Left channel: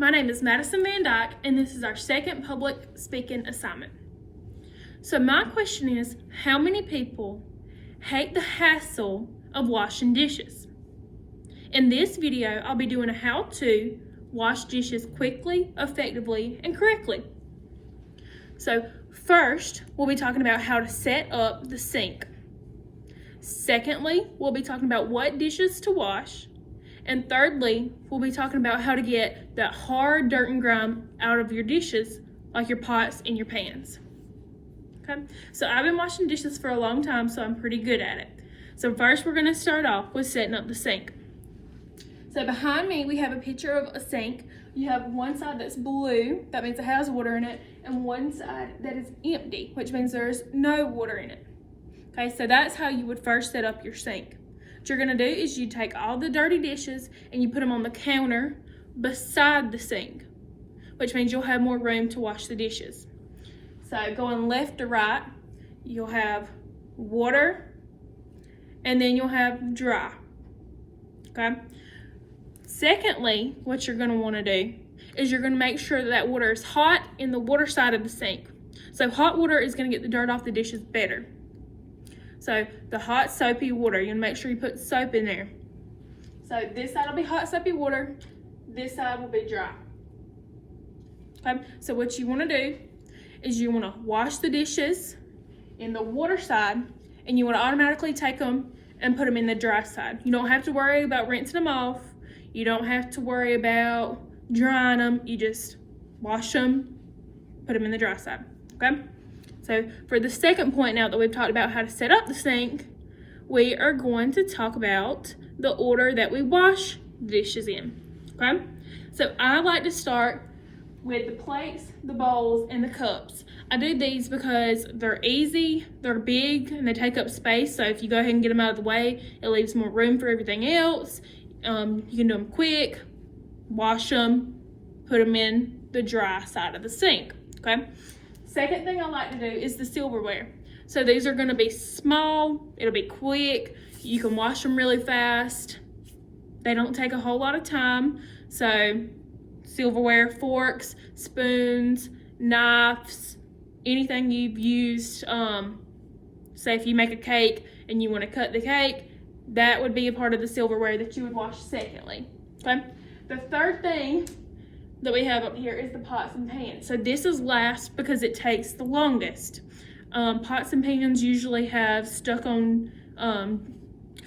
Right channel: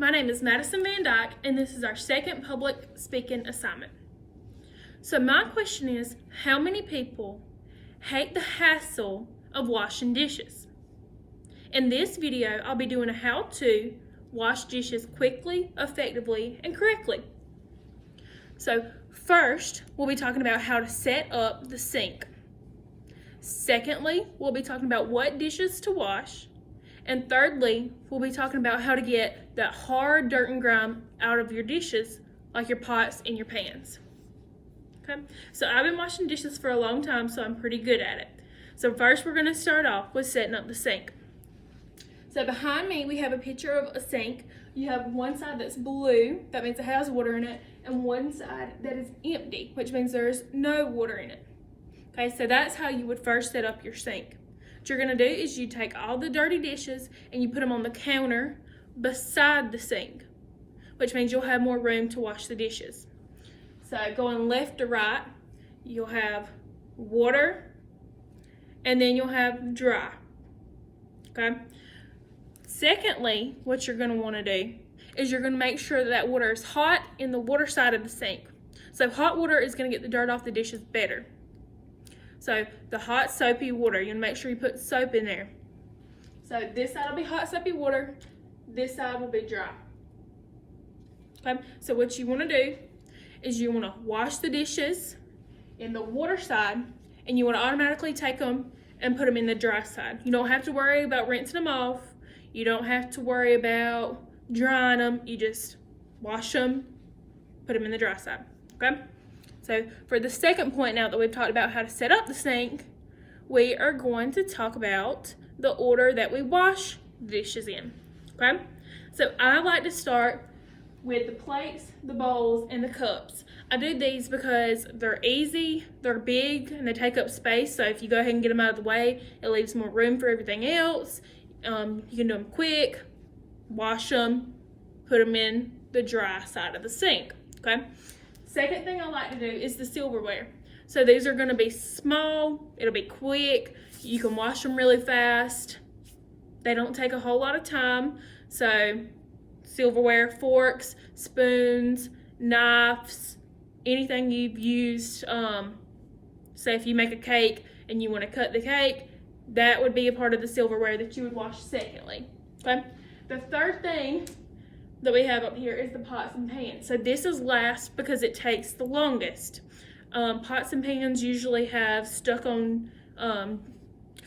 My name is Madison Van Dyke, and this is our second public speaking assignment. So my question is, how many people hate the hassle of washing dishes? In this video, I'll be doing a how-to wash dishes quickly, effectively, and correctly. So first, we'll be talking about how to set up the sink. Secondly, we'll be talking about what dishes to wash. And thirdly, we'll be talking about how to get that hard dirt and grime out of your dishes, like your pots and your pans. Okay, so I've been washing dishes for a long time, so I'm pretty good at it. So first, we're gonna start off with setting up the sink. So behind me, we have a picture of a sink. You have one side that's blue, that means it has water in it, and one side that is empty, which means there's no water in it. Okay, so that's how you would first set up your sink. What you're gonna do is you take all the dirty dishes and you put them on the counter beside the sink, which means you'll have more room to wash the dishes. So going left to right, you'll have water, and then you'll have dry, okay? Secondly, what you're gonna wanna do is you're gonna make sure that water is hot in the water side of the sink. So hot water is gonna get the dirt off the dishes better. So the hot soapy water, you're gonna make sure you put soap in there. So this side will be hot soapy water, this side will be dry. Okay, so what you wanna do is you wanna wash the dishes in the water side, and you wanna automatically take them and put them in the dry side. You don't have to worry about rinsing them off. You don't have to worry about drying them. You just wash them, put them in the dry side, okay? So for the second point, now that we've talked about how to set up the sink, we are going to talk about the order that we wash dishes in, okay? So I like to start with the plates, the bowls, and the cups. I do these because they're easy, they're big, and they take up space. So if you go ahead and get them out of the way, it leaves more room for everything else. You can do them quick, wash them, put them in the dry side of the sink, okay? Second thing I like to do is the silverware. So these are gonna be small, it'll be quick, you can wash them really fast. They don't take a whole lot of time. So silverware, forks, spoons, knives, anything you've used, say if you make a cake and you wanna cut the cake, that would be a part of the silverware that you would wash secondly, okay? The third thing that we have up here is the pots and pans. So this is last because it takes the longest. Pots and pans usually have stuck on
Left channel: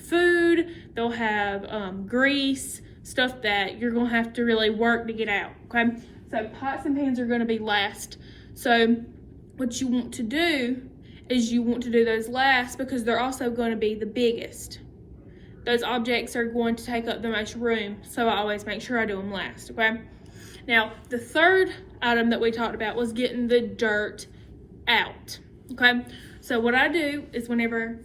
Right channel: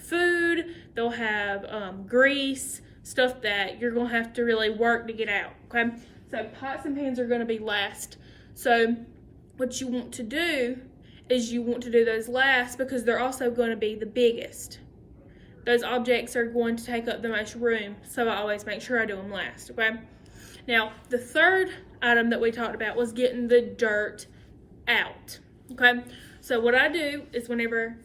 food. They'll have grease, stuff that you're gonna have to really work to get out, okay? So pots and pans are gonna be last. So what you want to do is you want to do those last because they're also gonna be the biggest. Those objects are going to take up the most room, so I always make sure I do them last, okay? Now, the third item that we talked about was getting the dirt out, okay? So what I do is whenever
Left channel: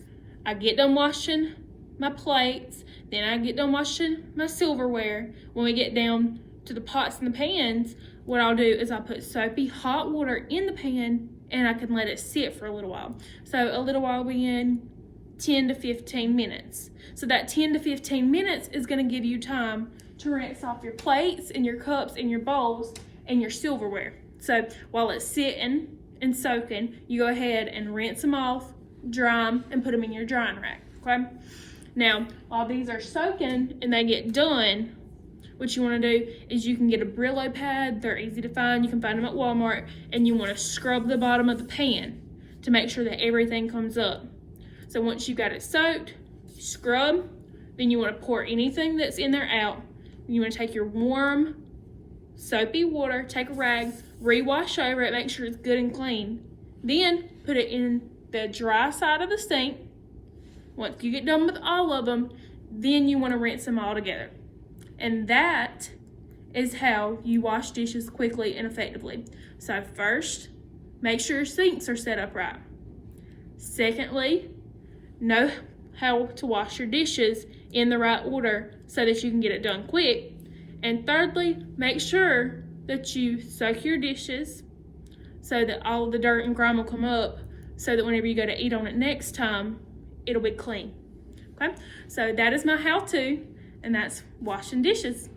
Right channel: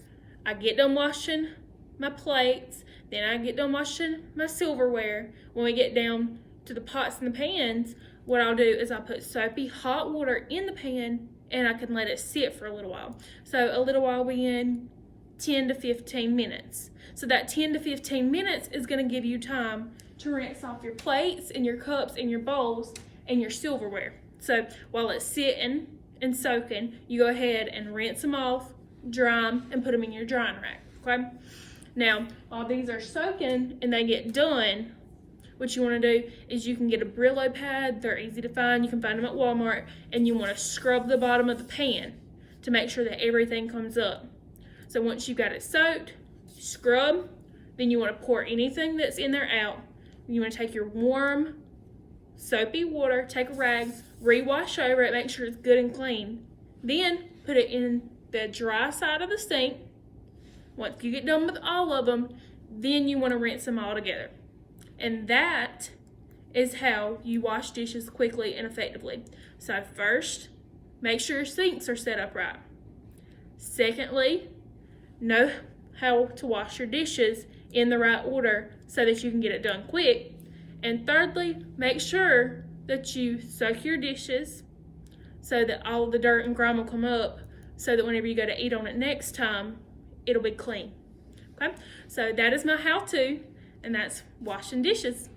I get done washing my plates, then I get done washing my silverware, when we get down to the pots and the pans, what I'll do is I'll put soapy hot water in the pan and I can let it sit for a little while. So a little while being 10 to 15 minutes. So that 10 to 15 minutes is gonna give you time to rinse off your plates and your cups and your bowls and your silverware. So while it's sitting and soaking, you go ahead and rinse them off, dry them, and put them in your drying rack, okay? Now, while these are soaking and they get done, what you wanna do is you can get a Brillo pad. They're easy to find. You can find them at Walmart, and you wanna scrub the bottom of the pan to make sure that everything comes up. So once you got it soaked, scrub, then you wanna pour anything that's in there out. You wanna take your warm, soapy water, take a rag, rewash over it, make sure it's good and clean. Then put it in the dry side of the sink. Once you get done with all of them, then you wanna rinse them all together. And that is how you wash dishes quickly and effectively. So first, make sure your sinks are set up right. Secondly, know how to wash your dishes in the right order so that you can get it done quick. And thirdly, make sure that you soak your dishes so that all of the dirt and grime will come up, so that whenever you go to eat on it next time, it'll be clean. Okay, so that is my how-to, and that's washing dishes.